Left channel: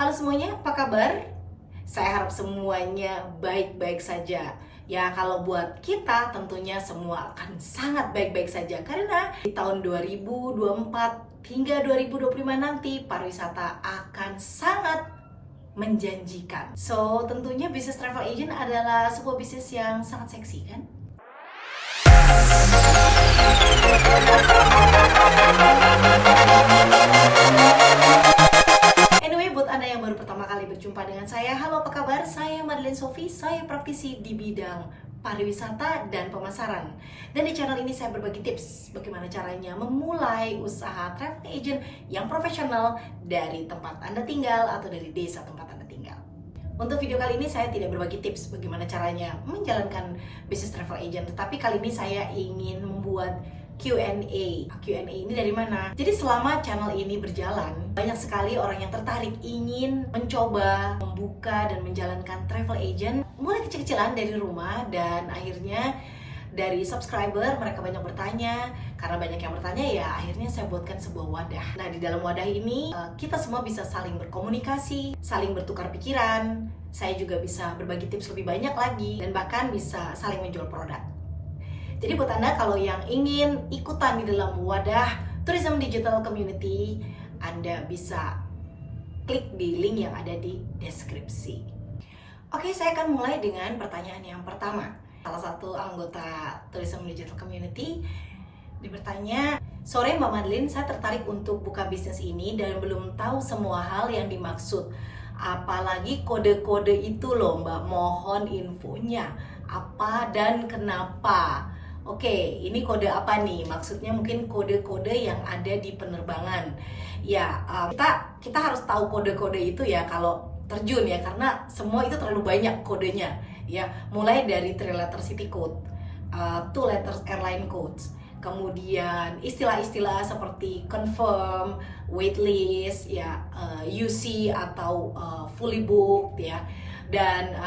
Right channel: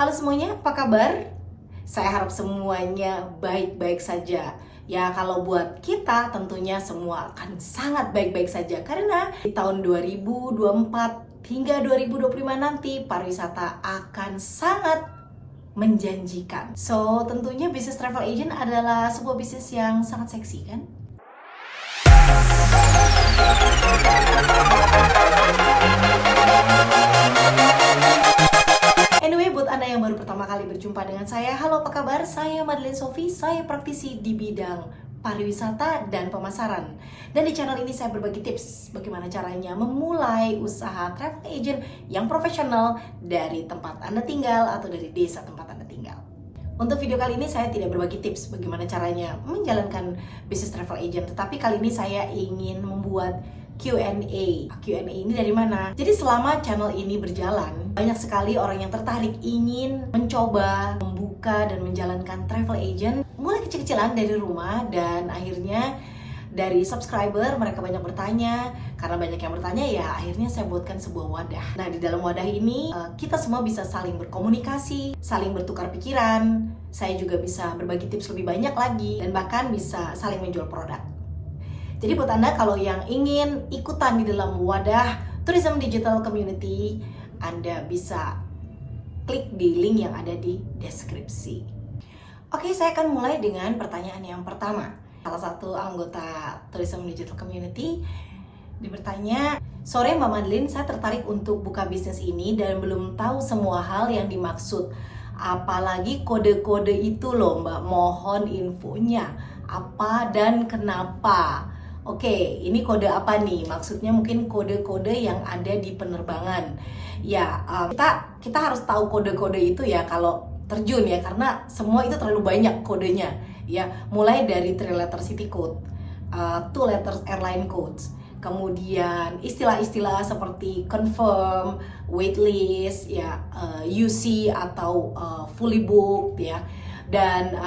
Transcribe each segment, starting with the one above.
Halo semuanya, apa kabar? Saya harap semuanya baik-baik saja. Ya, kalau buat kita tentunya semua akan sangat baik-baik saja karena di tahun 2024 hingga 2025 nanti pariwisata akan sangat menjanjikan. So, tentunya bisnis travel agent adalah sebuah bisnis yang sangat seksi kan? Anyway, buat Anda yang baru pertama kali berjumpa dengan saya, halo apa kabar? Saya Madeline Sophie, saya praktisi di bidang pariwisata dan pemasaran. Dan di channel ini saya berbagi tips bagaimana caranya memulai usaha travel agent yang profesional dari tempat Anda tinggal atau dari desa tempat Anda tinggal. Untuk video kali ini saya tidak berbagi tips bagaimana caranya menjalankan bisnis travel agent, tetapi kali ini saya ingin membuat Q&A. Q&A ini dari mana? Jadi selama channel ini berjalan, banyak sekali orang yang tertarik ingin mencoba, membuka dan menjalankan travel agent mulai kecil-kecilan dari rumah, dan akhirnya dari subscriber mereka banyak bertanya. Karena banyak yang bertanya, ya akhirnya saya buatkan sebuah wadah. Nah, di dalam wadah ini kita semua bisa saling berkomunikasi, saling bertukar pikiran. Saya juga bisa berbagi tips lebih banyak lagi, dan bahkan bisa saling menjual produk. Jadi buat Anda kalau yang ingin ikutan di dalam wadah Tourism Digital Community, Anda bisa klik di link yang ada di deskripsi. Oke, saya akan mulai dengan pertanyaan yang pertama. Salah satu anggota Tourism Digital Community bertanya, "Sore Mbak Madeline, saya tertarik untuk buka bisnis ini dan belum tahu semua hal yang dimaksud. Apalagi kode-kode itu loh Mbak, mohon infonya. Apa dan kenapa?" Oke, ini kode apa nih? Maksudnya mungkin kode-kode yang ada di penerbangan. Ya, kita harus tahu kode-kode itu ya kalau terjun ya, karena semua itu terlalu banyak kodenya. Ya, mulai dari 3 letter city code, 2 letters airline codes, kemudian istilah-istilah seperti confirm, waitlist, ya, UC atau fully booked ya. Dan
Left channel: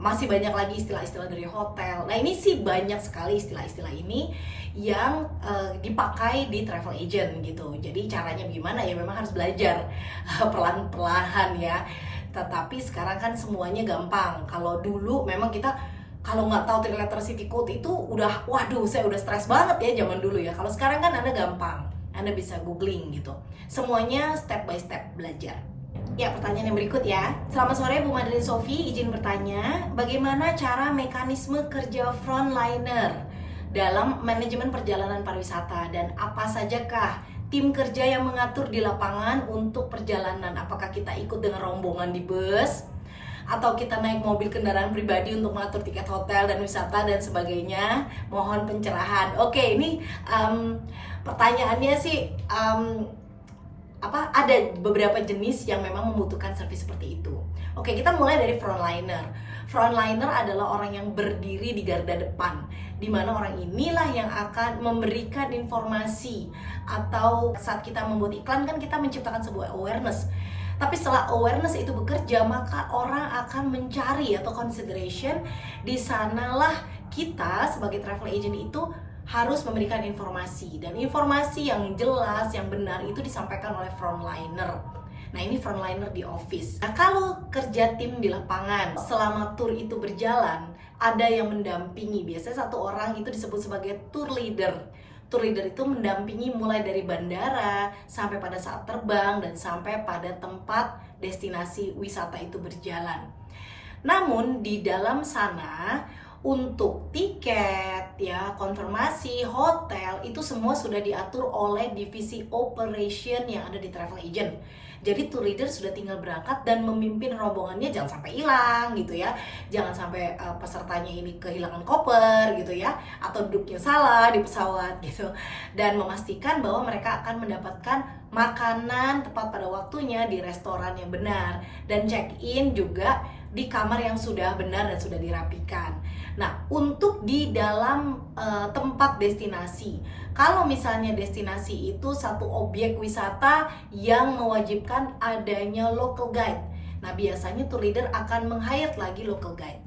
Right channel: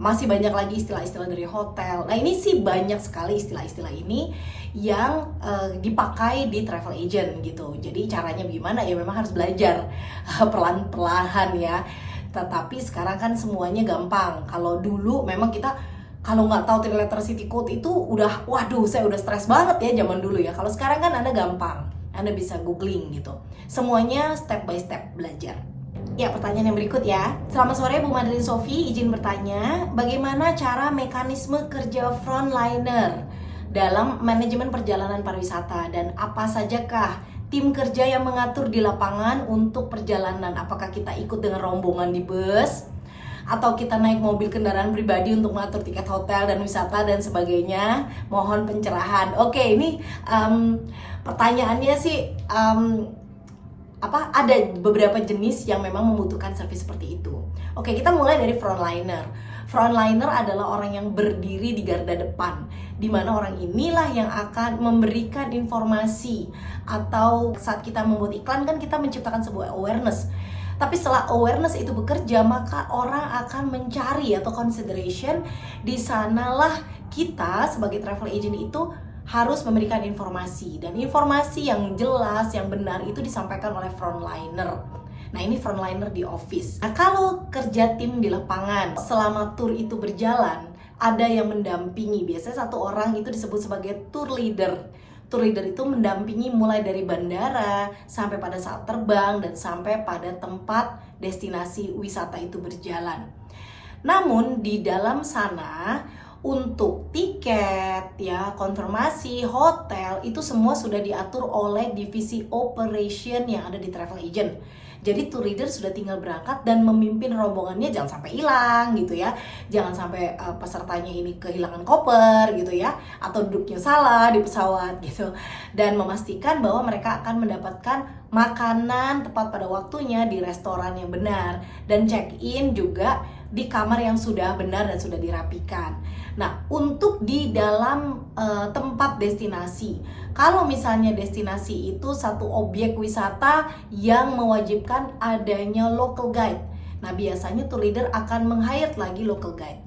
masih banyak lagi istilah-istilah dari hotel. Nah, ini sih banyak sekali istilah-istilah ini yang dipakai di travel agent gitu. Jadi caranya gimana ya, memang harus belajar pelan-pelan ya. Tetapi sekarang kan semuanya gampang. Kalau dulu memang kita kalau nggak tahu 3 letter city code itu udah, waduh, saya udah stres banget ya zaman dulu ya. Kalau sekarang kan Anda gampang, Anda bisa googling gitu. Semuanya step by step belajar. Ya, pertanyaan yang berikut ya. Selamat sore Bu Madeline Sophie, izin bertanya, bagaimana cara mekanisme kerja frontliner dalam manajemen perjalanan pariwisata, dan apa sajakah tim kerja yang mengatur di lapangan untuk perjalanan? Apakah kita ikut dengan rombongan di bus, atau kita naik mobil kendaraan pribadi untuk mengatur tiket hotel dan wisata dan sebagainya? Mohon pencerahan. Oke, ini pertanyaannya sih ada beberapa jenis yang memang membutuhkan servis seperti itu. Oke, kita mulai dari frontliner. Frontliner adalah orang yang berdiri di garda depan, di mana orang inilah yang akan memberikan informasi, atau saat kita membuat iklan kan kita menciptakan sebuah awareness. Tapi setelah awareness itu bekerja, maka orang akan mencari atau consideration. Di sanalah kita sebagai travel agent itu harus memberikan informasi, dan informasi yang jelas, yang benar itu disampaikan oleh frontliner. Nah, ini frontliner di office. Nah, kalau kerja tim di lapangan, selama tour itu berjalan, ada yang mendampingi. Biasanya satu orang itu disebut sebagai tour leader. Tour leader itu mendampingi mulai dari bandara sampai pada saat terbang dan sampai pada tempat destinasi wisata itu berjalan. Namun di dalam sana, untuk tiket, ya, konfirmasi, hotel, itu semua sudah diatur oleh divisi operation yang ada di travel agent. Jadi tour leader sudah tinggal berangkat dan memimpin rombongannya, jangan sampai hilang gitu ya. Jangan sampai pesertanya ini kehilangan koper gitu ya, atau duduknya salah di pesawat gitu. Dan memastikan bahwa mereka akan mendapatkan makanan tepat pada waktunya di restoran yang benar, dan check-in juga di kamar yang sudah benar dan sudah dirapikan. Nah, untuk di dalam tempat destinasi, kalau misalnya destinasi itu satu objek wisata yang mewajibkan adanya local guide, nah biasanya tour leader akan meng-hire lagi local guide.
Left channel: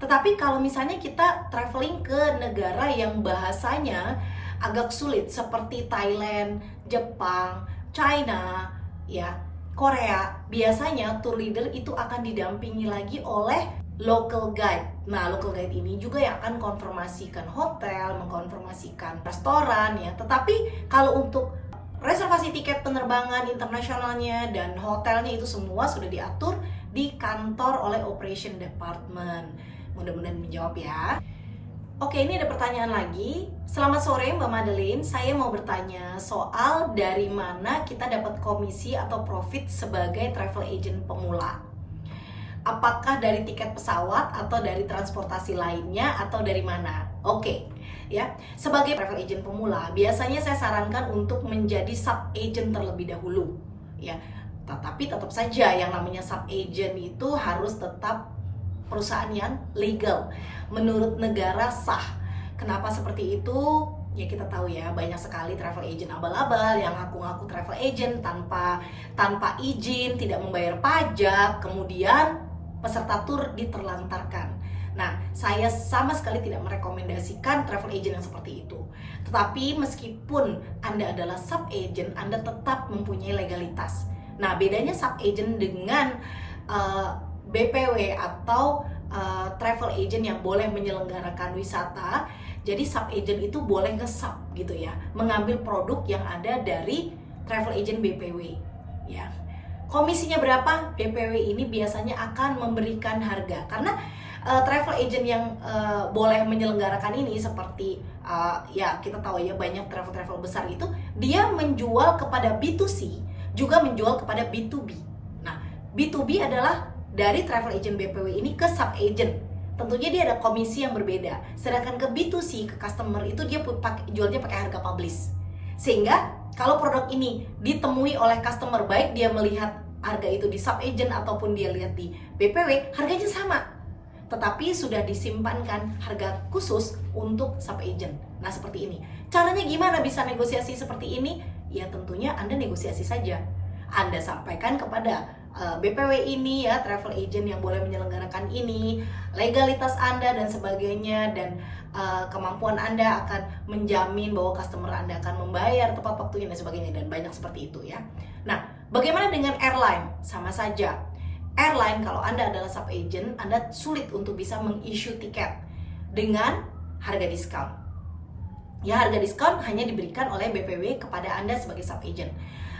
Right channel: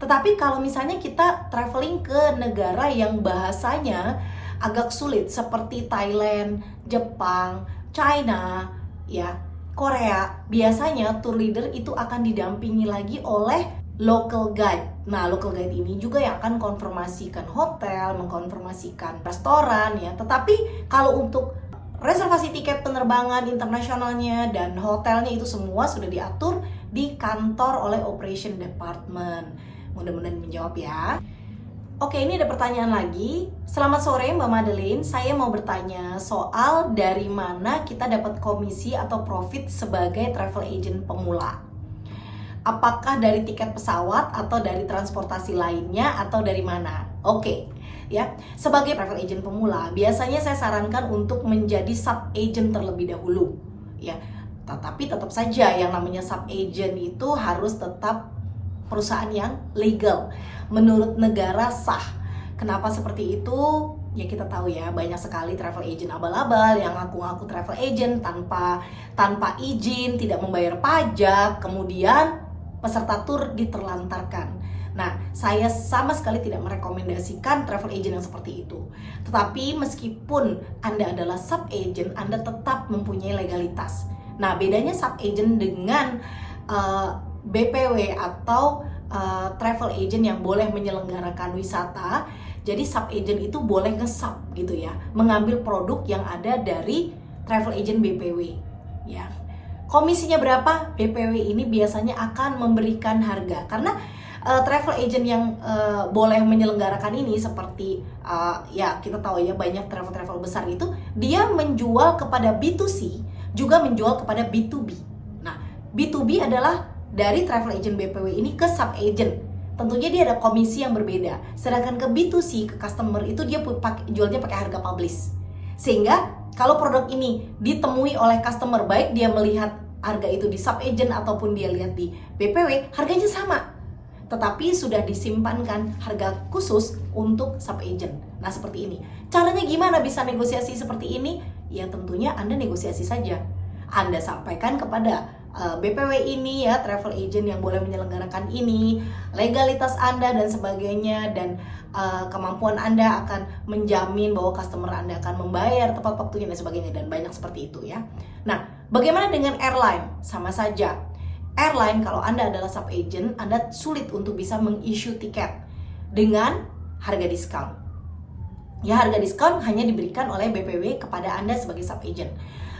Tetapi kalau misalnya kita traveling ke negara yang bahasanya agak sulit seperti Thailand, Jepang, China, ya, Korea, biasanya tour leader itu akan didampingi lagi oleh local guide. Nah, local guide ini juga yang akan konfirmasikan hotel, mengkonfirmasikan restoran ya. Tetapi kalau untuk reservasi tiket penerbangan internasionalnya dan hotelnya itu semua sudah diatur di kantor oleh operation department. Mudah-mudahan menjawab ya. Oke, ini ada pertanyaan lagi. Selamat sore Mbak Madeline, saya mau bertanya soal dari mana kita dapat komisi atau profit sebagai travel agent pemula. Apakah dari tiket pesawat atau dari transportasi lainnya atau dari mana? Oke, ya. Sebagai travel agent pemula, biasanya saya sarankan untuk menjadi sub agent terlebih dahulu, ya. Tetapi tetap saja yang namanya sub agent itu harus tetap perusahaan yang legal menurut negara sah. Kenapa seperti itu? Ya kita tahu ya, banyak sekali travel agent abal-abal yang ngaku-ngaku travel agent tanpa izin, tidak membayar pajak, kemudian peserta tur diterlantarkan. Nah, saya sama sekali tidak merekomendasikan travel agent yang seperti itu. Tetapi meskipun Anda adalah sub agent, Anda tetap mempunyai legalitas. Nah, bedanya sub agent dengan BPW atau travel agent yang boleh menyelenggarakan wisata. Jadi sub agent itu boleh nge-sub gitu ya, mengambil produk yang ada dari travel agent BPW ya. Komisinya berapa? BPW ini biasanya akan memberikan harga karena travel agent yang boleh menyelenggarakan ini seperti ya kita tahu ya, banyak travel besar itu dia menjual kepada B2C juga menjual kepada B2B. Nah, B2B adalah dari travel agent BPW ini ke sub agent. Tentunya dia ada komisi yang berbeda. Sedangkan ke B2C, ke customer itu dia jualnya pakai harga publish. Sehingga kalau produk ini ditemui oleh customer, baik dia melihat harga itu di sub agent ataupun dia lihat di BPW, harganya sama. Tetapi sudah disimpankan harga khusus untuk sub agent. Nah, seperti ini. Caranya gimana bisa negosiasi seperti ini? Ya tentunya Anda negosiasi saja. Anda sampaikan kepada BPW ini ya, travel agent yang boleh menyelenggarakan ini, legalitas Anda dan sebagainya, dan kemampuan Anda akan menjamin bahwa customer Anda akan membayar tepat waktunya dan sebagainya, dan banyak seperti itu ya. Nah, bagaimana dengan airline? Sama saja. Airline kalau Anda adalah sub agent, Anda sulit untuk bisa meng-issue tiket dengan harga diskon. Ya, harga diskon hanya diberikan oleh BPW kepada Anda sebagai sub agent.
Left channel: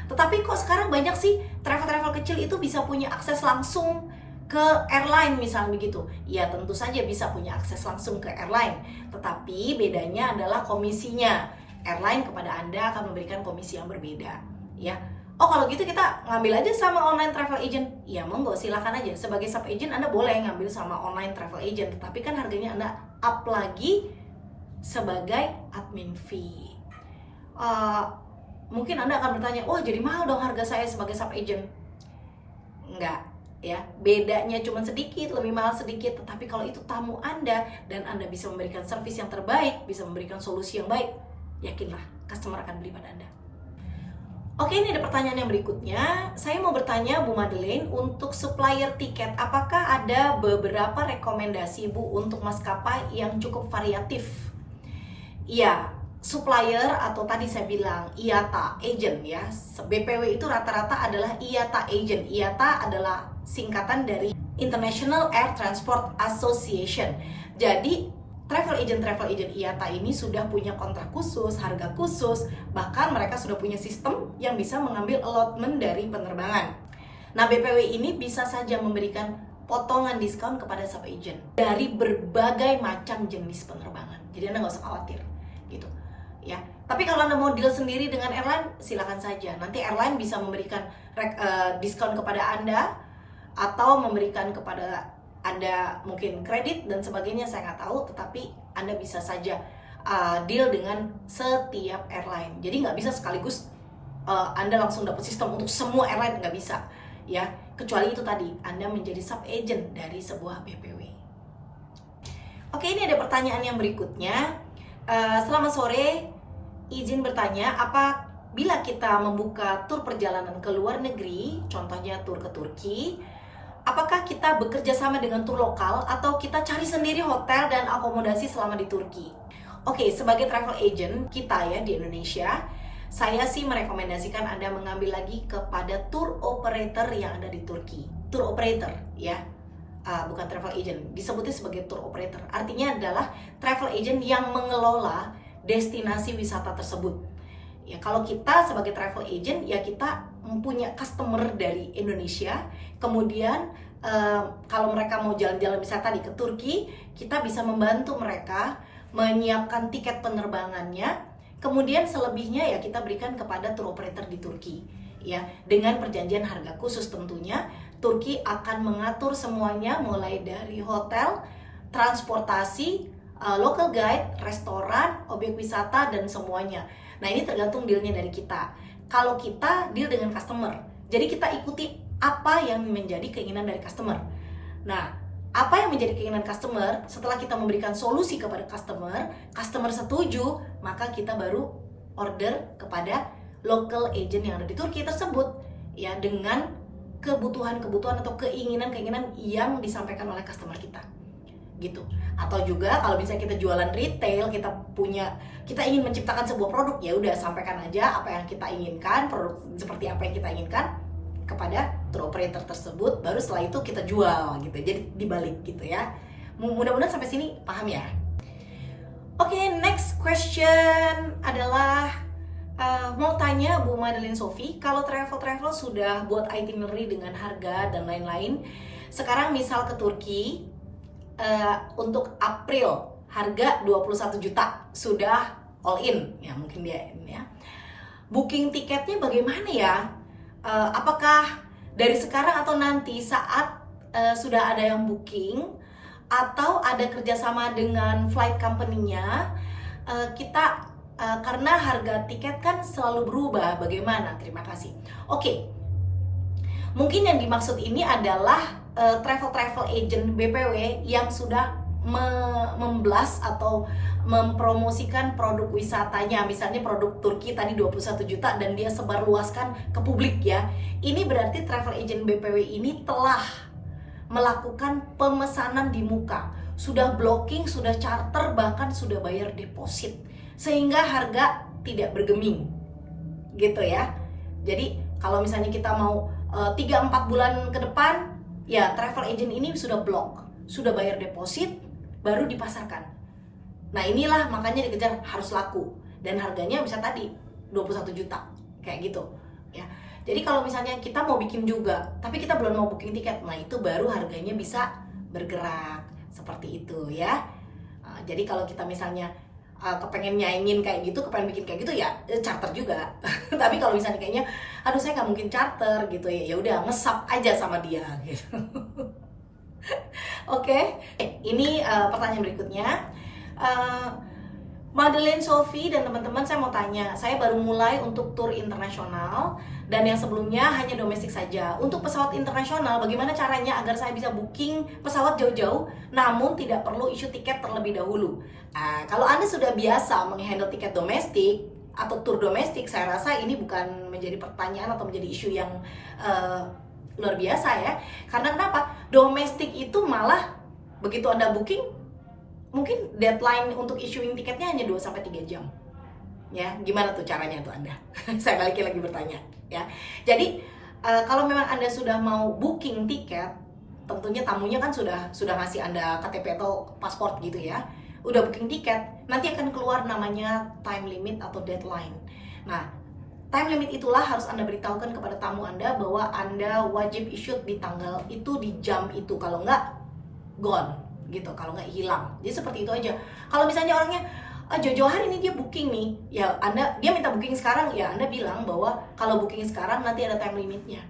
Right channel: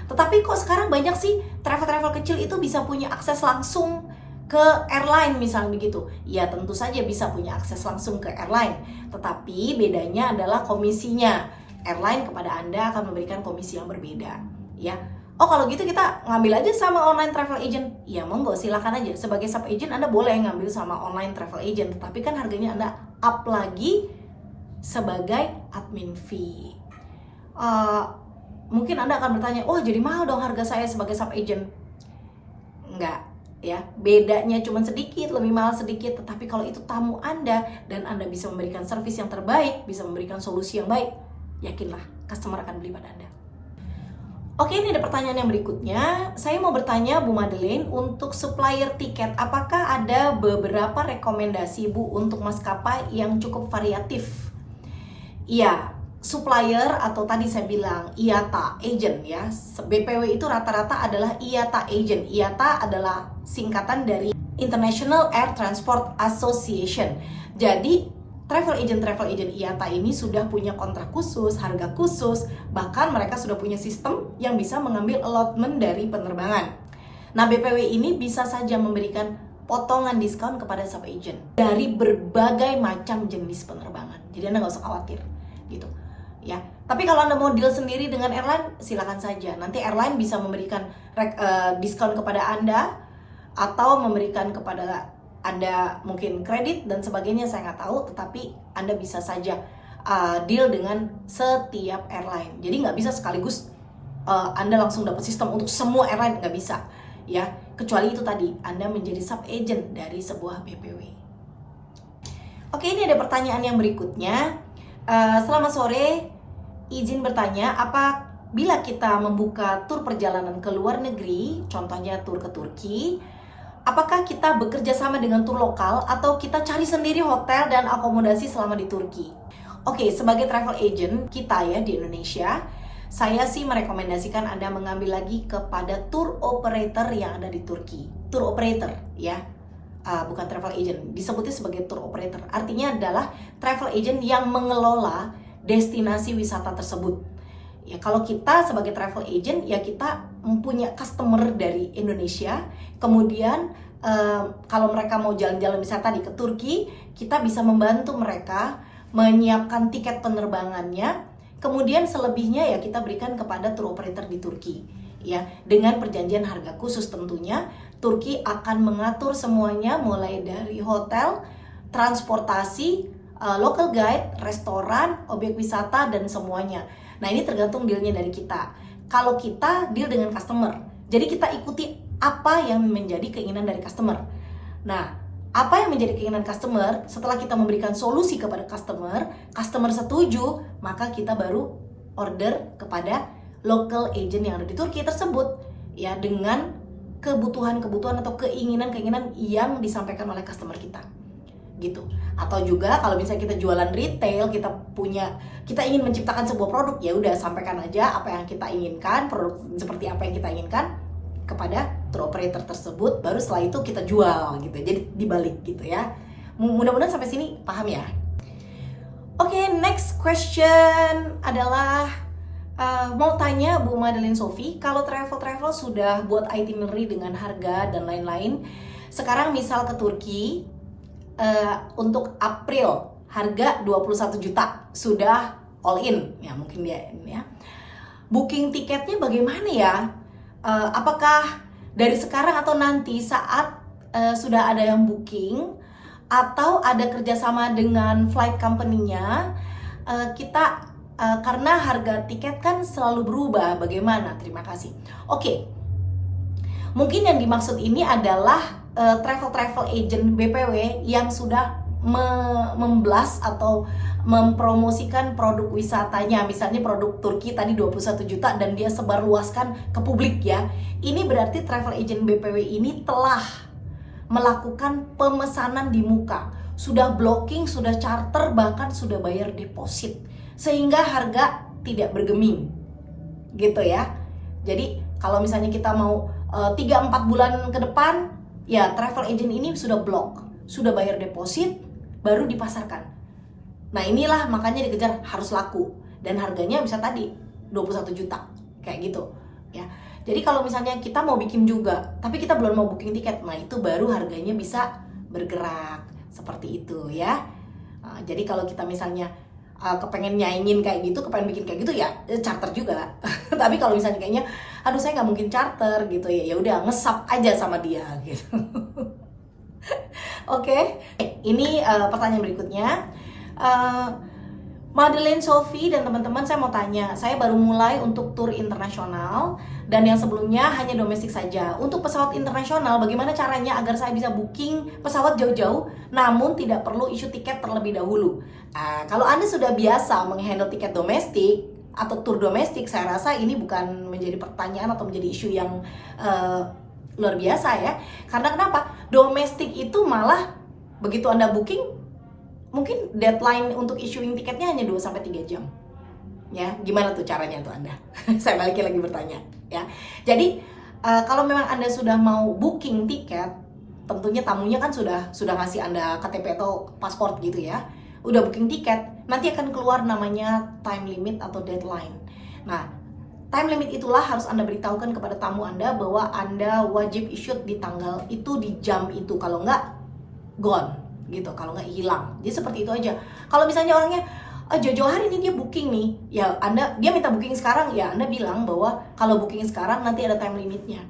Tetapi kok sekarang banyak sih travel kecil itu bisa punya akses langsung ke airline misalnya begitu. Ya tentu saja bisa punya akses langsung ke airline. Tetapi bedanya adalah komisinya. Airline kepada Anda akan memberikan komisi yang berbeda. Ya. Oh kalau gitu kita ngambil aja sama online travel agent. Ya monggo silakan aja. Sebagai sub agent Anda boleh ngambil sama online travel agent. Tapi kan harganya Anda up lagi sebagai admin fee. Mungkin Anda akan bertanya, wah jadi mahal dong harga saya sebagai sub agent. Enggak ya, bedanya cuma sedikit, lebih mahal sedikit. Tetapi kalau itu tamu Anda dan Anda bisa memberikan servis yang terbaik, bisa memberikan solusi yang baik, yakinlah customer akan beli pada Anda. Oke, ini ada pertanyaan yang berikutnya. Saya mau bertanya Bu Madeline, untuk supplier tiket, apakah ada beberapa rekomendasi Bu untuk maskapai yang cukup variatif? Iya, supplier atau tadi saya bilang IATA agent ya. BPW itu rata-rata adalah IATA agent. IATA adalah singkatan dari International Air Transport Association. Jadi travel agent IATA ini sudah punya kontrak khusus, harga khusus, bahkan mereka sudah punya sistem yang bisa mengambil allotment dari penerbangan. Nah, BPW ini bisa saja memberikan potongan diskon kepada sub agent dari berbagai macam jenis penerbangan. Jadi Anda nggak usah khawatir gitu. Ya, tapi kalau Anda mau deal sendiri dengan airline, silakan saja. Nanti airline bisa memberikan diskon kepada Anda atau memberikan kepada Anda mungkin kredit dan sebagainya, saya nggak tahu. Tetapi Anda bisa saja deal dengan setiap airline. Jadi nggak bisa sekaligus Anda langsung dapat sistem untuk semua airline, nggak bisa. Ya, kecuali itu tadi Anda menjadi sub agent dari sebuah BPW. Oke, ini ada pertanyaan yang berikutnya. Selamat sore, izin bertanya, apabila kita membuka tur perjalanan ke luar negeri, contohnya tur ke Turki, apakah kita bekerja sama dengan tur lokal atau kita cari sendiri hotel dan akomodasi selama di Turki? Oke, sebagai travel agent kita ya di Indonesia, saya sih merekomendasikan Anda mengambil lagi kepada tour operator yang ada di Turki. Tour operator ya, bukan travel agent. Disebutnya sebagai tour operator. Artinya adalah travel agent yang mengelola destinasi wisata tersebut. Ya, kalau kita sebagai travel agent ya kita mempunyai customer dari Indonesia. Kemudian kalau mereka mau jalan-jalan wisata ke Turki, kita bisa membantu mereka menyiapkan tiket penerbangannya. Kemudian selebihnya ya kita berikan kepada tour operator di Turki. Ya, dengan perjanjian harga khusus tentunya. Turki akan mengatur semuanya mulai dari hotel, transportasi, local guide, restoran, objek wisata dan semuanya. Nah, ini tergantung dealnya dari kita. Kalau kita deal dengan customer, jadi kita ikuti apa yang menjadi keinginan dari customer. Nah, apa yang menjadi keinginan customer, setelah kita memberikan solusi kepada customer setuju, maka kita baru order kepada local agent yang ada di Turki tersebut, ya, dengan kebutuhan-kebutuhan atau keinginan-keinginan yang disampaikan oleh customer kita, gitu. Atau juga kalau misalnya kita jualan retail, kita ingin menciptakan sebuah produk, ya udah sampaikan aja apa yang kita inginkan, produk seperti apa yang kita inginkan kepada tour operator tersebut, baru setelah itu kita jual gitu. Jadi dibalik gitu ya. Mudah-mudahan sampai sini paham ya. Oke, next question adalah mau tanya Bu Madeline Sophie, kalau travel sudah buat itinerary dengan harga dan lain-lain, sekarang misal ke Turki untuk April harga 21 juta sudah all in ya, mungkin dia ya. Booking tiketnya bagaimana ya? Apakah dari sekarang atau nanti saat sudah ada yang booking atau ada kerjasama dengan flight company-nya, kita karena harga tiket kan selalu berubah, bagaimana? Terima kasih. Oke, mungkin yang dimaksud ini adalah travel agent BPW yang sudah memblas atau mempromosikan produk wisatanya, misalnya produk Turki tadi 21 juta dan dia sebarluaskan ke publik ya. Ini berarti travel agent BPW ini telah melakukan pemesanan di muka, sudah blocking, sudah charter, bahkan sudah bayar deposit, sehingga harga tidak bergeming gitu ya. Jadi kalau misalnya kita mau 3-4 bulan ke depan, ya travel agent ini sudah block, sudah bayar deposit, baru dipasarkan. Nah, inilah makanya dikejar harus laku, dan harganya bisa tadi 21 juta kayak gitu ya. Jadi kalau misalnya kita mau bikin juga tapi kita belum mau booking tiket, nah itu baru harganya bisa bergerak seperti itu ya. Jadi kalau kita misalnya kepengen nyaingin kayak gitu, kepengen bikin kayak gitu ya charter juga. Tapi kalau misalnya kayaknya aduh saya nggak mungkin charter gitu ya, ya udah ngesap aja sama dia gitu. Oke, ini pertanyaan berikutnya. Madeline Sophie dan teman-teman, saya mau tanya, saya baru mulai untuk tour internasional dan yang sebelumnya hanya domestik saja. Untuk pesawat internasional, bagaimana caranya agar saya bisa booking pesawat jauh-jauh namun tidak perlu issue tiket terlebih dahulu? Kalau Anda sudah biasa menghandle tiket domestik atau tour domestik, saya rasa ini bukan menjadi pertanyaan atau menjadi isu yang luar biasa ya. Karena kenapa? Domestik itu malah begitu Anda booking, mungkin deadline untuk issuing tiketnya hanya 2-3 jam. Ya, gimana tuh caranya tuh Anda? Saya balikin lagi bertanya ya. Jadi kalau memang Anda sudah mau booking tiket, tentunya tamunya kan sudah ngasih Anda KTP atau paspor gitu ya. Udah booking tiket, nanti akan keluar namanya time limit atau deadline. Nah, time limit itulah harus Anda beritahukan kepada tamu Anda bahwa Anda wajib issue di tanggal itu, di jam itu. Kalau enggak, gone gitu, kalau nggak hilang. Jadi seperti itu aja. Kalau misalnya orangnya jauh-jauh hari ini dia booking nih, ya dia minta booking sekarang, ya Anda bilang bahwa kalau booking sekarang nanti ada time limitnya.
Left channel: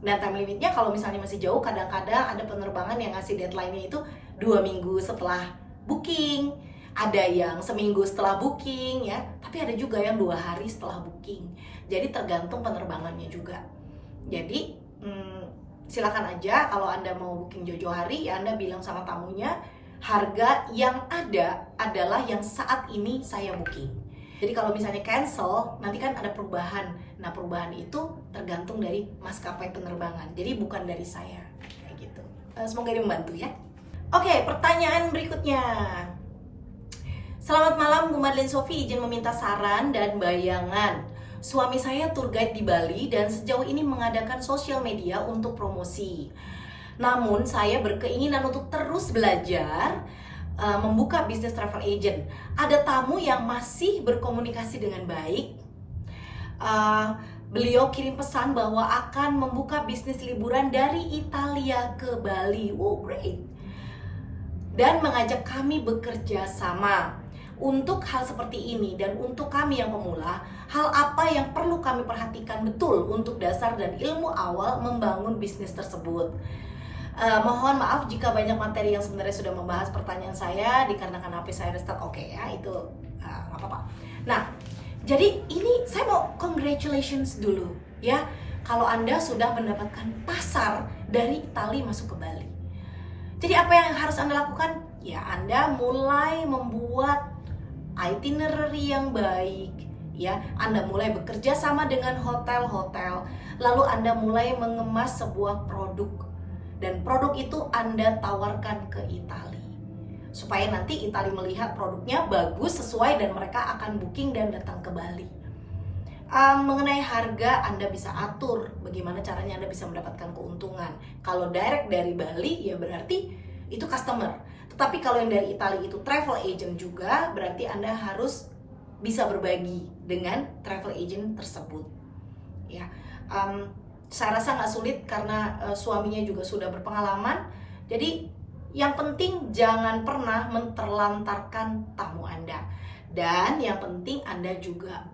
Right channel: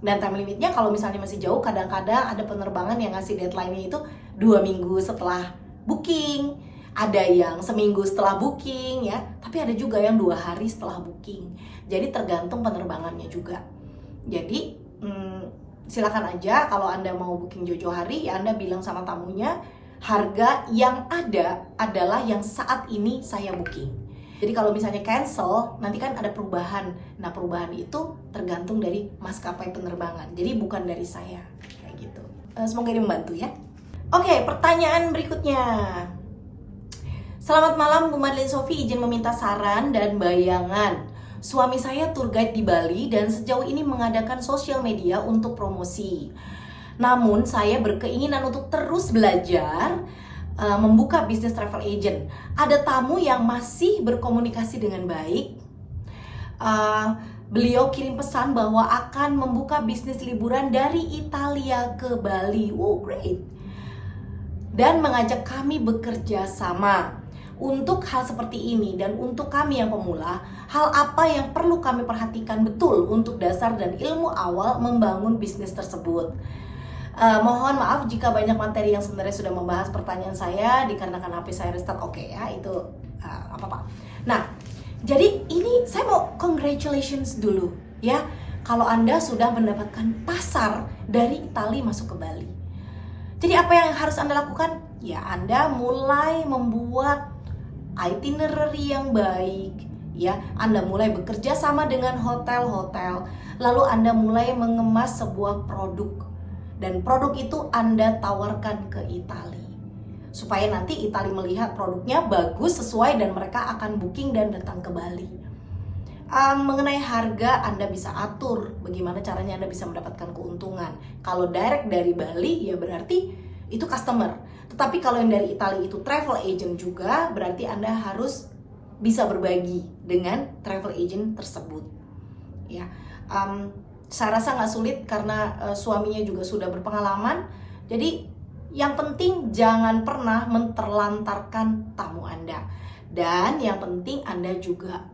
Dan time limitnya kalau misalnya masih jauh, kadang-kadang ada penerbangan yang ngasih deadline-nya itu 2 minggu setelah booking, ada yang seminggu setelah booking ya, tapi ada juga yang 2 hari setelah booking. Jadi tergantung penerbangannya juga. Jadi silakan aja kalau Anda mau booking jauh-jauh hari, ya Anda bilang sama tamunya harga yang ada adalah yang saat ini saya booking. Jadi kalau misalnya cancel, nanti kan ada perubahan. Nah, perubahan itu tergantung dari maskapai penerbangan. Jadi bukan dari saya. Kayak gitu. Semoga ini membantu ya. Oke, pertanyaan berikutnya. Selamat malam Bu Madeline Sophie, izin meminta saran dan bayangan Suami saya tour guide di Bali dan sejauh ini mengadakan sosial media untuk promosi. Namun saya berkeinginan untuk terus belajar membuka bisnis travel agent. Ada tamu yang masih berkomunikasi dengan baik. Beliau kirim pesan bahwa akan membuka bisnis liburan dari Italia ke Bali. Wow, great. Dan mengajak kami bekerja sama. Untuk hal seperti ini dan untuk kami yang pemula, hal apa yang perlu kami perhatikan betul untuk dasar dan ilmu awal membangun bisnis tersebut? Mohon maaf jika banyak materi yang sebenarnya sudah membahas pertanyaan saya dikarenakan HP saya restart. Oke ya, itu apa-apa. Nah, jadi ini saya mau congratulations dulu ya, kalau Anda sudah mendapatkan pasar dari Italia masuk ke Bali. Jadi apa yang harus Anda lakukan? Ya, Anda mulai membuat itinerary yang baik ya. Anda mulai bekerja sama dengan hotel-hotel, lalu Anda mulai mengemas sebuah produk, dan produk itu Anda tawarkan ke Italia supaya nanti Italia melihat produknya bagus, sesuai, dan mereka akan booking dan datang ke Bali. Mengenai harga, Anda bisa atur bagaimana caranya Anda bisa mendapatkan keuntungan. Kalau direct dari Bali ya berarti itu customer, tetapi kalau yang dari Italia itu travel agent juga, berarti Anda harus bisa berbagi dengan travel agent tersebut ya. Saya rasa nggak sulit karena suaminya juga sudah berpengalaman. Jadi yang penting jangan pernah menterlantarkan tamu Anda. Dan yang penting Anda juga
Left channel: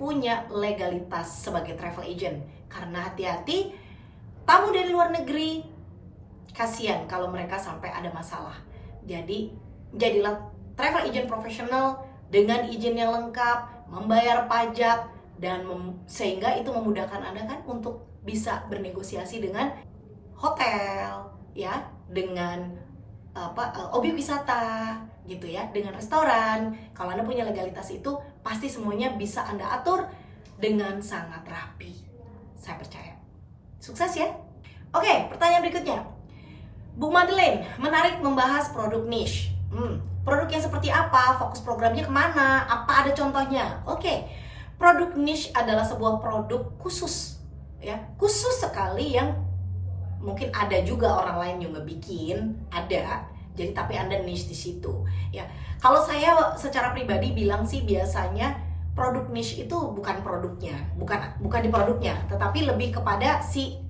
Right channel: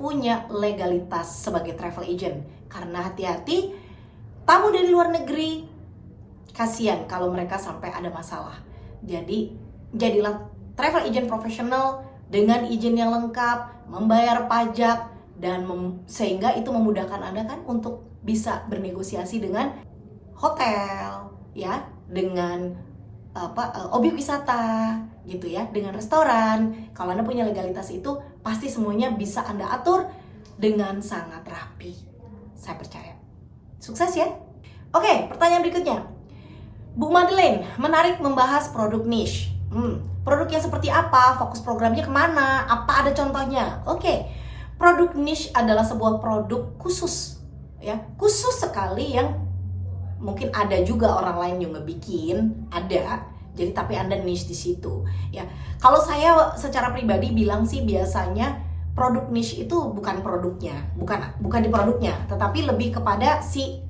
punya legalitas sebagai travel agent. Karena hati-hati, tamu dari luar negeri, kasihan kalau mereka sampai ada masalah. Jadi jadilah travel agent profesional dengan izin yang lengkap, membayar pajak, dan sehingga itu memudahkan Anda kan untuk bisa bernegosiasi dengan hotel ya, dengan objek wisata gitu ya, dengan restoran. Kalau Anda punya legalitas itu, pasti semuanya bisa Anda atur dengan sangat rapi. Saya percaya. Sukses ya. Oke, pertanyaan berikutnya. Bu Madeleine, menarik membahas produk niche. Produk yang seperti apa? Fokus programnya kemana? Apa ada contohnya? Oke, produk niche adalah sebuah produk khusus ya, khusus sekali yang mungkin ada juga orang lain yang ngebikin, ada. Jadi tapi Anda niche di situ ya. Kalau saya secara pribadi bilang sih, biasanya produk niche itu bukan produknya, bukan di produknya, tetapi lebih kepada si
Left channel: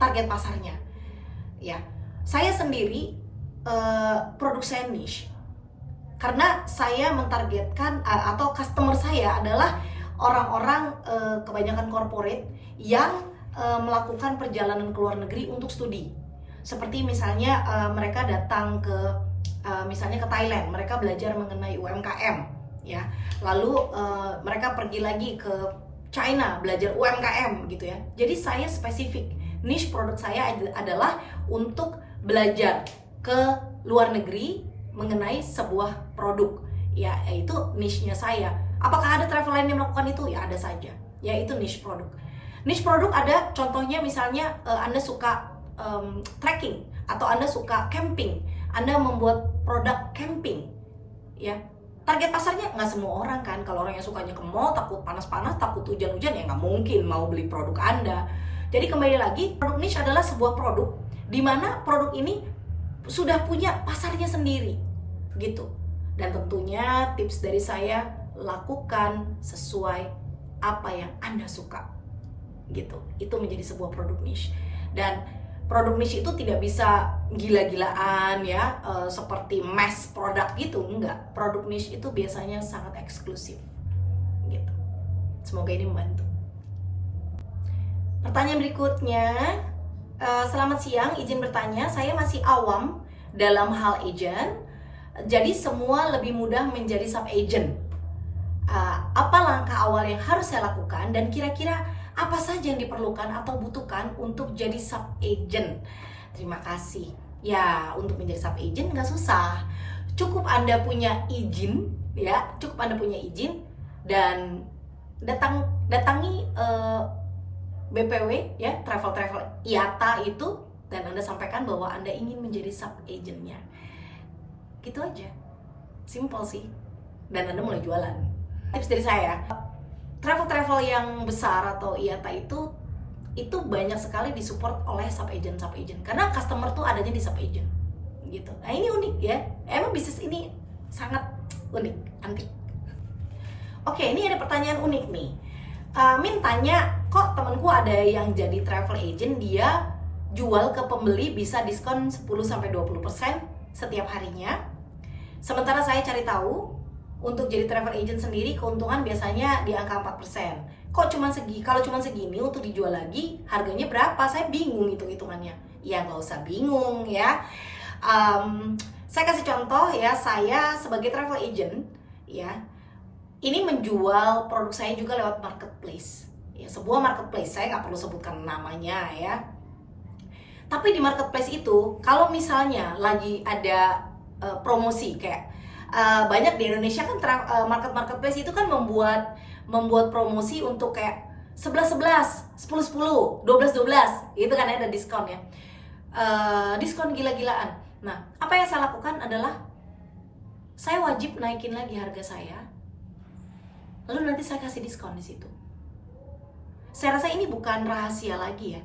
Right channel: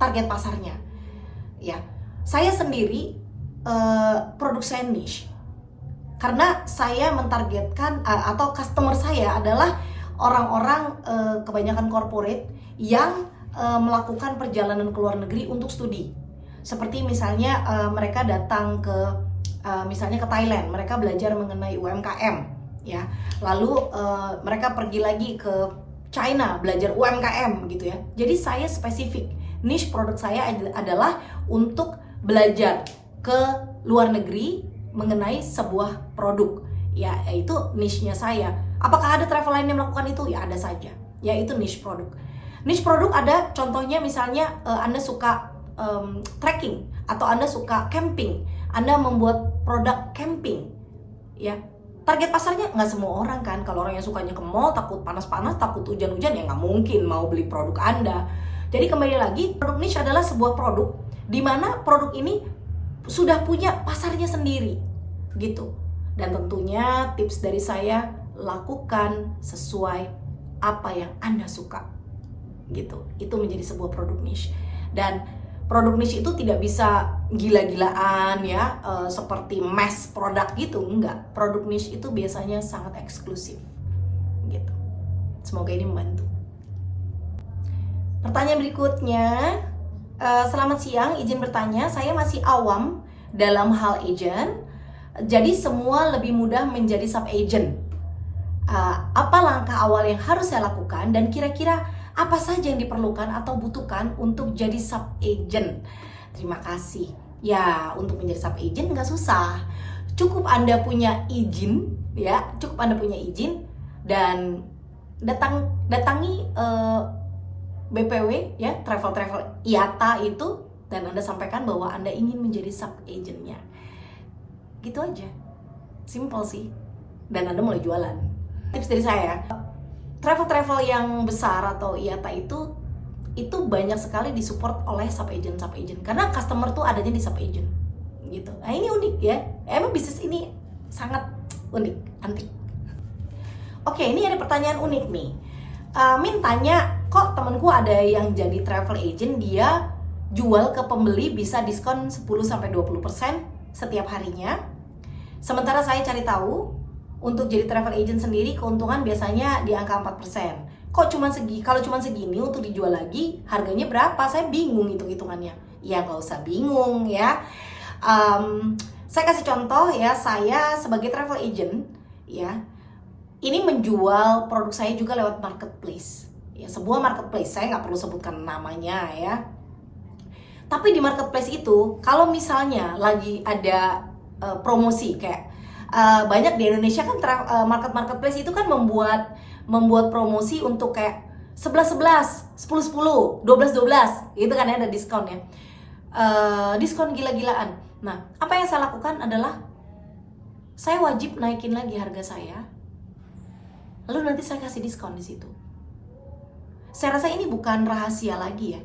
target pasarnya. Ya, saya sendiri produk saya niche karena saya mentargetkan atau customer saya adalah orang-orang kebanyakan corporate yang melakukan perjalanan ke luar negeri untuk studi. Seperti misalnya mereka datang ke misalnya ke Thailand, mereka belajar mengenai UMKM ya. Lalu mereka pergi lagi ke China belajar UMKM gitu ya. Jadi saya spesifik, niche produk saya adalah untuk belajar ke luar negeri mengenai sebuah produk ya, yaitu niche-nya saya. Apakah ada travel lain yang melakukan itu? Ya ada saja. Ya itu niche produk. Niche produk ada contohnya misalnya Anda suka trekking atau Anda suka camping, Anda membuat produk camping ya. Target pasarnya nggak semua orang kan. Kalau orang yang sukanya ke mall, takut panas-panas, takut hujan-hujan, ya nggak mungkin mau beli produk Anda. Jadi kembali lagi, produk niche adalah sebuah produk di mana produk ini sudah punya pasarnya sendiri gitu. Dan tentunya tips dari saya, lakukan sesuai apa yang Anda suka gitu. Itu menjadi sebuah produk niche. Dan produk niche itu tidak bisa gila-gilaan ya, seperti mass produk gitu, enggak. Produk niche itu biasanya sangat eksklusif gitu. Semoga ini membantu. Pertanyaan berikutnya, selamat siang, izin bertanya, saya masih awam dalam hal agent, jadi semua lebih mudah menjadi sub agent. Apa langkah awal yang harus saya lakukan dan kira-kira apa saja yang diperlukan atau butuhkan untuk jadi sub agent? Terima kasih. Ya, untuk menjadi sub agent nggak susah. Cukup Anda punya izin, ya, cukup Anda punya izin dan datangi BPW ya, travel IATA itu, dan Anda sampaikan bahwa Anda ingin menjadi sub agentnya. Gitu aja. Simple sih. Dan Anda mulai jualan. Tips dari saya, travel yang besar atau IATA itu banyak sekali disupport oleh sub agent karena customer tuh adanya di sub agent gitu. Nah ini unik ya, emang bisnis ini sangat unik, antik. Oke, ini ada pertanyaan unik nih. Min tanya, kok temenku ada yang jadi travel agent, dia jual ke pembeli bisa diskon 10-20% setiap harinya. Sementara saya cari tahu, untuk jadi travel agent sendiri keuntungan biasanya di angka 4%. Kok kalau cuma segini untuk dijual lagi, harganya berapa? Saya bingung hitung-hitungannya. Ya nggak usah bingung ya. Saya kasih contoh ya, saya sebagai travel agent ya, ini menjual produk saya juga lewat marketplace. Ya, sebuah marketplace, saya nggak perlu sebutkan namanya ya. Tapi di marketplace itu, kalau misalnya lagi ada promosi kayak banyak di Indonesia kan marketplace itu kan membuat promosi untuk kayak 11-11, 10-10, 12-12, itu kan ada diskon ya, diskon gila-gilaan. Nah, apa yang saya lakukan adalah saya wajib naikin lagi harga saya, lalu nanti saya kasih diskon di situ. Saya rasa ini bukan rahasia lagi ya,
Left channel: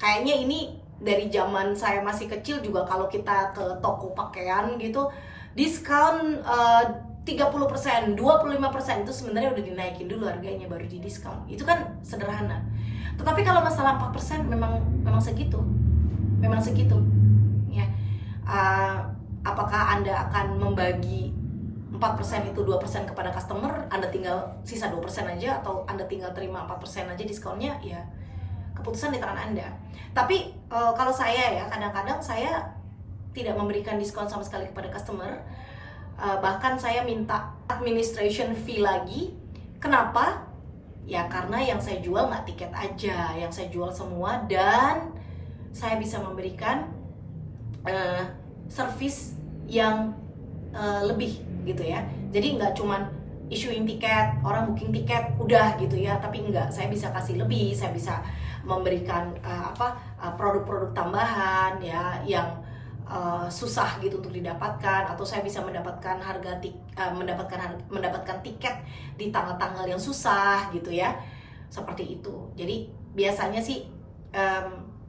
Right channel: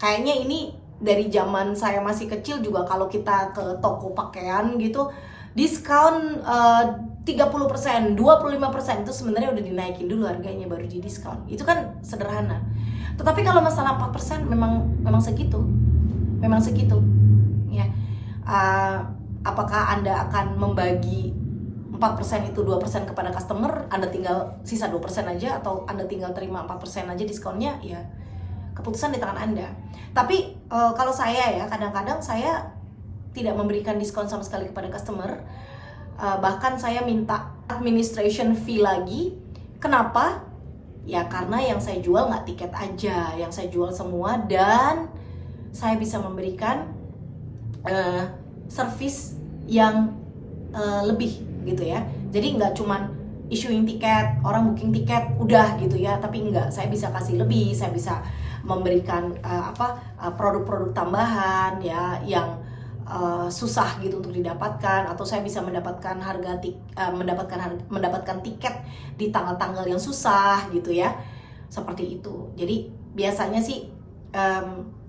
kayaknya ini dari zaman saya masih kecil juga, kalau kita ke toko pakaian gitu, diskon 30%, 25% itu sebenarnya udah dinaikin dulu harganya baru di diskon. Itu kan sederhana. Tetapi kalau masalah 4% memang segitu. Memang segitu. Ya. Apakah Anda akan membagi 4% itu 2% kepada customer, Anda tinggal sisa 2% aja, atau Anda tinggal terima 4% aja diskonnya, ya keputusan di tangan Anda. Tapi kalau saya ya, kadang-kadang saya tidak memberikan diskon sama sekali kepada customer. Bahkan saya minta administration fee lagi. Kenapa? Ya karena yang saya jual nggak tiket aja, yang saya jual semua, dan saya bisa memberikan service yang lebih gitu ya. Jadi nggak cuman issuing tiket, orang booking tiket udah gitu ya, tapi enggak, saya bisa kasih lebih, saya bisa memberikan produk-produk tambahan ya yang susah gitu untuk didapatkan, atau saya bisa mendapatkan mendapatkan tiket di tanggal-tanggal yang susah gitu ya, seperti itu. Jadi biasanya sih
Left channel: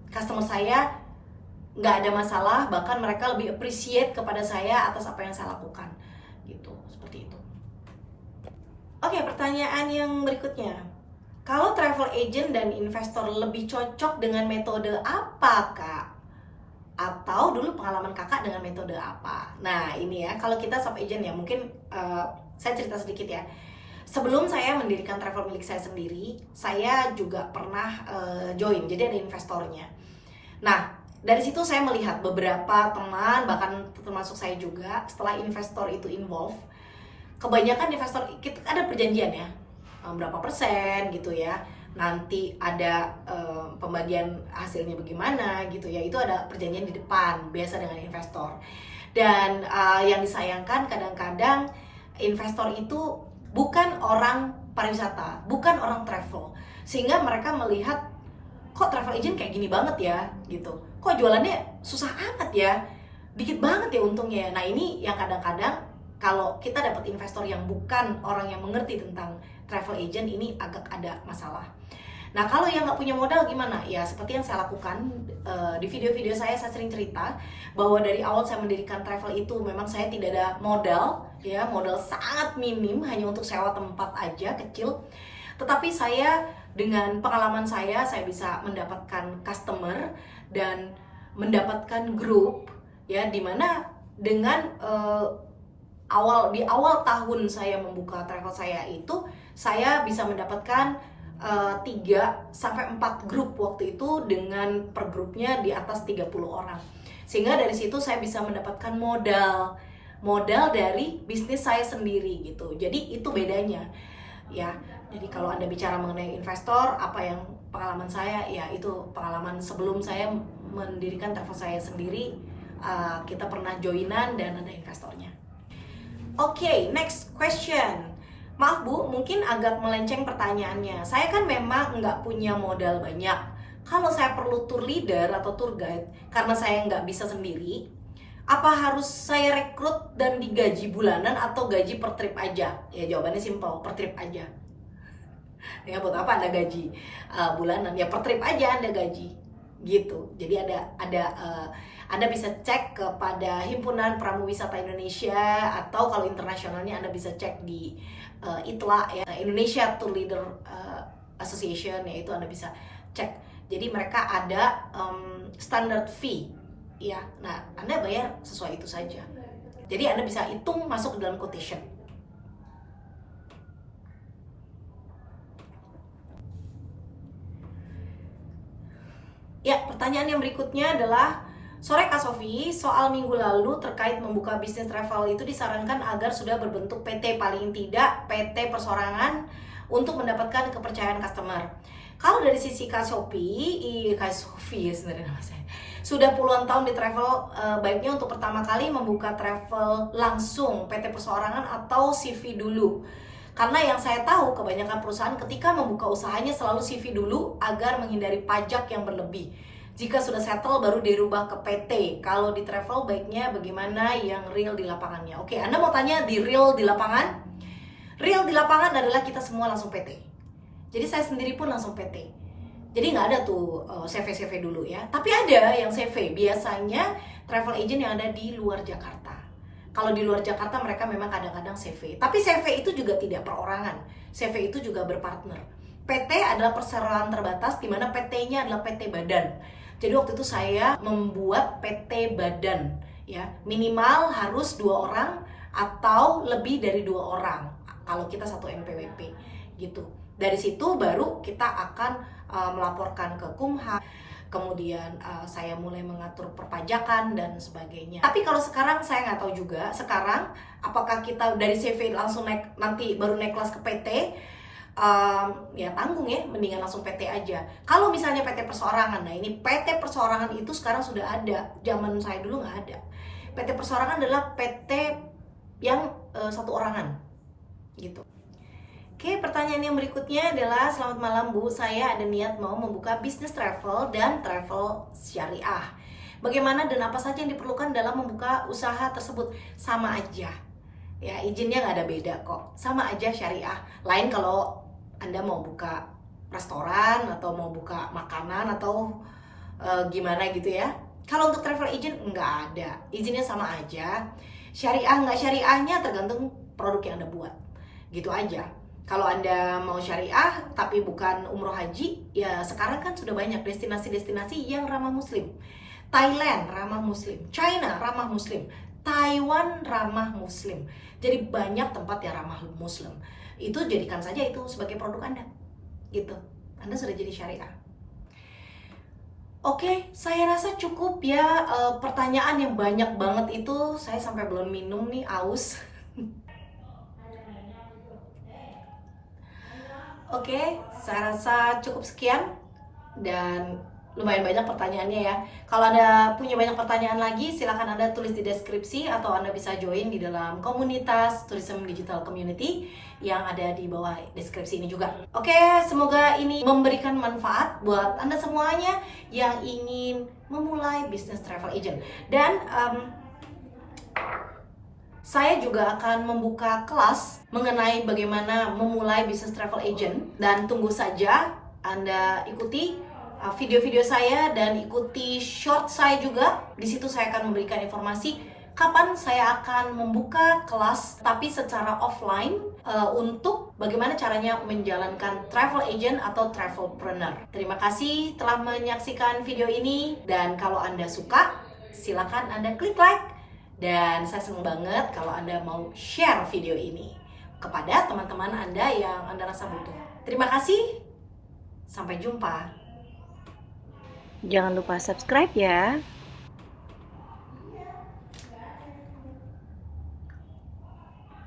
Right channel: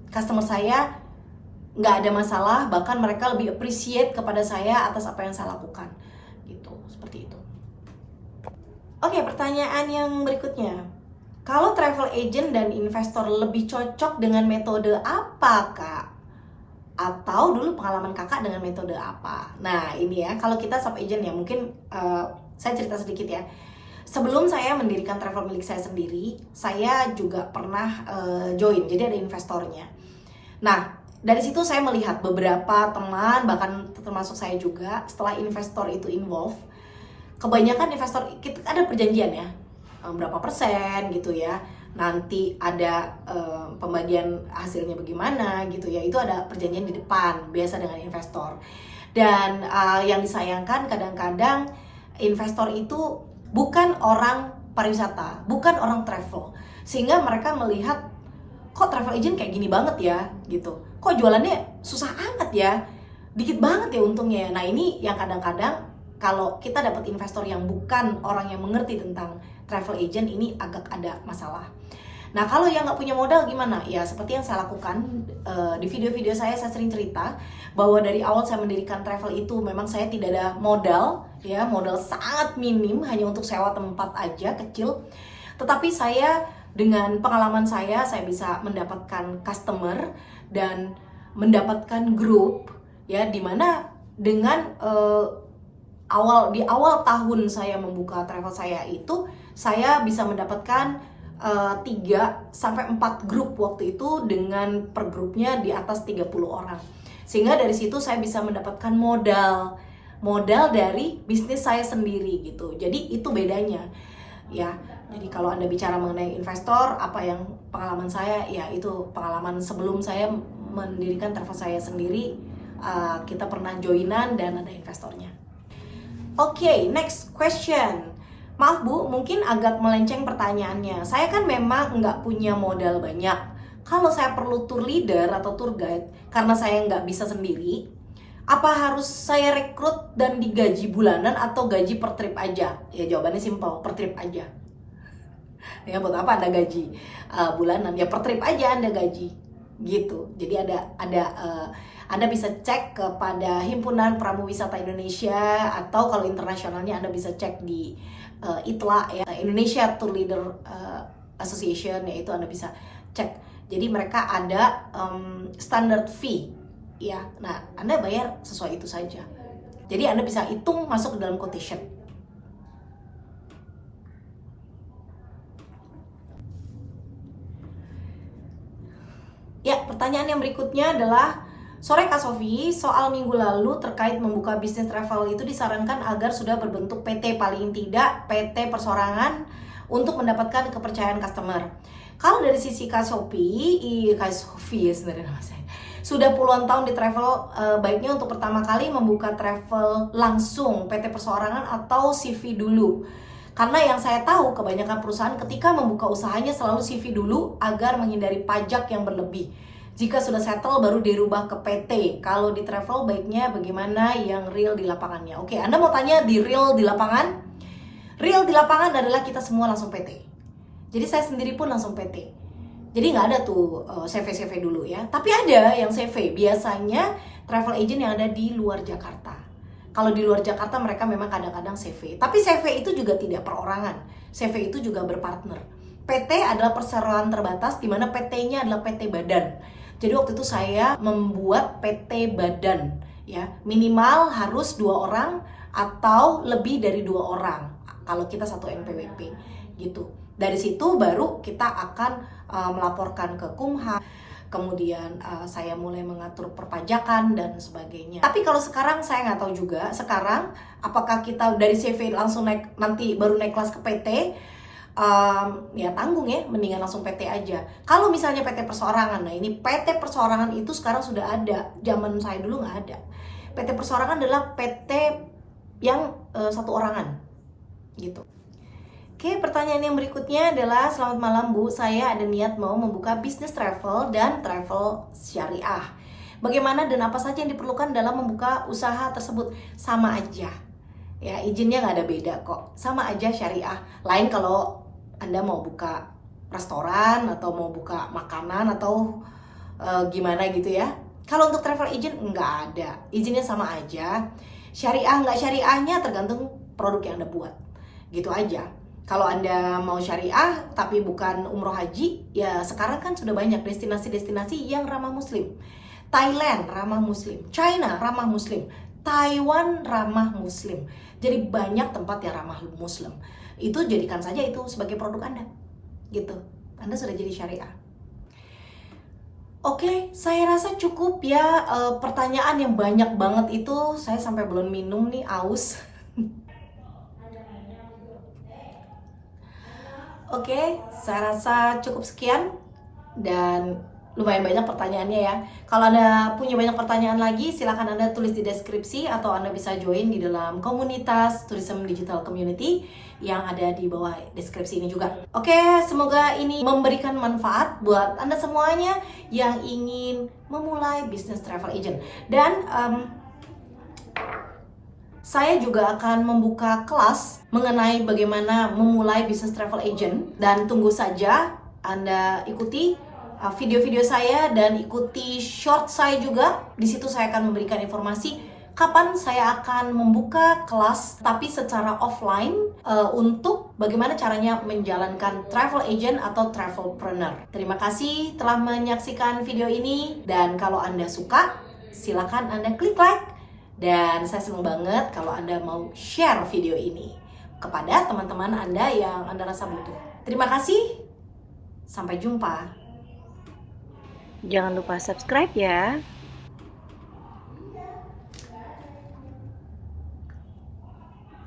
customer saya nggak ada masalah, bahkan mereka lebih appreciate kepada saya atas apa yang saya lakukan gitu, seperti itu. Oke, pertanyaan yang berikutnya, kalau travel agent dan investor lebih cocok dengan metode apa, Kak? Atau dulu pengalaman kakak dengan metode apa? Nah ini ya, kalau kita sub agent ya, mungkin saya cerita sedikit ya. Sebelum saya mendirikan travel milik saya sendiri, saya juga pernah join, jadi ada investornya. Nah dari situ saya melihat beberapa teman, bahkan termasuk saya juga, setelah investor itu involve, kebanyakan investor, kita ada perjanjian ya, berapa persen gitu ya, nanti ada pembagian hasilnya bagaimana gitu ya, itu ada perjanjian di depan biasa dengan investor. Dan yang disayangkan kadang-kadang investor itu bukan orang pariwisata, bukan orang travel, sehingga mereka melihat kok travel agent kayak gini banget ya gitu, kok jualannya susah amat ya, dikit banget ya untungnya. Nah ini yang kadang-kadang kalau kita dapat investor yang bukan orang yang mengerti tentang travel agent, ini agak ada masalah. Nah kalau yang nggak punya modal gimana? Ya seperti yang saya lakukan di video-video saya sering cerita bahwa dari awal saya mendirikan travel itu memang saya tidak ada modal, ya modal sangat minim, hanya untuk sewa tempat aja kecil. Tetapi saya dengan pengalaman saya bisa mendapatkan customer dan mendapatkan grup, ya dimana dengan di awal tahun saya membuka travel saya itu, saya bisa mendapatkan 3-4 grup waktu itu, dengan per grupnya di atas 30 orang. Sehingga dari situ saya bisa mendapatkan modal dari bisnis saya sendiri gitu. Jadi itu bedanya ya. Jadi kalau Anda bicara mengenai investor, apa yang pengalaman saya, ya itu pengalaman sebelum saya mendirikan travel saya sendiri, kita pernah joinan dan ada investornya. Oke, next question. Maaf Bu, mungkin agak melenceng pertanyaannya. Saya kan memang nggak punya modal banyak. Kalau saya perlu tour leader atau tour guide, karena saya nggak bisa sendiri, apa harus saya rekrut dan digaji bulanan atau gaji per trip aja? Ya jawabannya simple, per trip aja. Ya buat apa Anda gaji bulanan? Ya per trip aja Anda gaji gitu. Jadi Anda bisa cek kepada Himpunan Pramu Wisata Indonesia, atau kalau internasionalnya Anda bisa cek di ITLA ya, Indonesia Tour Leader Association, yaitu Anda bisa cek. Jadi mereka ada standard fee ya. Nah, Anda bayar sesuai itu saja. Jadi Anda bisa hitung masuk ke dalam quotation. Ya, pertanyaan yang berikutnya adalah, sore Kak Sofi, soal minggu lalu terkait membuka bisnis travel itu disarankan agar sudah berbentuk PT, paling tidak PT persorangan, untuk mendapatkan kepercayaan customer. Kalau dari sisi Kak Sofi ya sebenarnya nama saya, sudah puluhan tahun di travel, baiknya untuk pertama kali membuka travel langsung PT perseorangan atau CV dulu. Karena yang saya tahu kebanyakan perusahaan ketika membuka usahanya selalu CV dulu agar menghindari pajak yang berlebih. Jika sudah settle baru dirubah ke PT. Kalau di travel baiknya bagaimana yang real di lapangannya? Oke, Anda mau tanya di real di lapangan? Real di lapangan adalah kita semua langsung PT. Jadi saya sendiri pun langsung PT. Jadi nggak ada tuh CV dulu ya. Tapi ada yang CV. Biasanya travel agent yang ada di luar Jakarta. Kalau di luar Jakarta mereka memang kadang-kadang CV. Tapi CV itu juga tidak perorangan. CV itu juga berpartner. PT adalah perseroan terbatas, di mana PT-nya adalah PT badan. Jadi waktu itu saya membuat PT badan, ya minimal harus 2 orang atau lebih dari 2 orang. Kalau kita satu NPWP, gitu. Dari situ baru kita akan melaporkan ke Kumham. Kemudian saya mulai mengatur perpajakan dan sebagainya. Tapi kalau sekarang saya nggak tahu juga. Sekarang apakah kita dari CV langsung naik, nanti baru naik kelas ke PT? Ya tanggung ya, mendingan langsung PT aja. Kalau misalnya PT perseorangan, nah ini PT perseorangan itu sekarang sudah ada. Zaman saya dulu nggak ada. PT perseorangan adalah PT yang satu orangan, gitu. Oke, pertanyaan yang berikutnya adalah, selamat malam Bu, saya ada niat mau membuka bisnis travel dan travel syariah. Bagaimana dan apa saja yang diperlukan dalam membuka usaha tersebut? Sama aja, ya izinnya nggak ada beda kok, sama aja syariah. Lain kalau Anda mau buka restoran atau mau buka makanan atau gimana gitu ya. Kalau untuk travel agent nggak ada, izinnya sama aja. Syariah nggak syariahnya tergantung produk yang Anda buat, gitu aja. Kalau Anda mau syariah tapi bukan umroh haji, ya sekarang kan sudah banyak destinasi-destinasi yang ramah muslim. Thailand ramah muslim, China ramah muslim, Taiwan ramah muslim. Jadi banyak tempat yang ramah muslim. Itu jadikan saja itu sebagai produk Anda, gitu. Anda sudah jadi syariah. Oke, saya rasa cukup ya. Pertanyaan yang banyak banget itu, saya sampai belum minum nih, aus. Oke, saya rasa cukup sekian dan lumayan banyak pertanyaannya ya. Kalau Anda punya banyak pertanyaan lagi, silahkan Anda tulis di deskripsi atau Anda bisa join di dalam komunitas Tourism Digital Community yang ada di bawah deskripsi ini juga. Oke, semoga ini memberikan manfaat buat Anda semuanya yang ingin memulai bisnis travel agent. Dan saya juga akan membuka kelas mengenai bagaimana memulai bisnis travel agent, dan tunggu saja Anda ikuti video-video saya dan ikuti short saya juga. Di situ saya akan memberikan informasi kapan saya akan membuka kelas tapi secara offline untuk bagaimana caranya menjalankan travel agent atau travelpreneur. Terima kasih telah menyaksikan video ini, dan kalau Anda suka silakan Anda klik like. Dan saya senang banget kalau Anda mau share video ini kepada teman-teman Anda yang Anda rasa butuh. Terima kasih, sampai jumpa. Jangan lupa subscribe ya.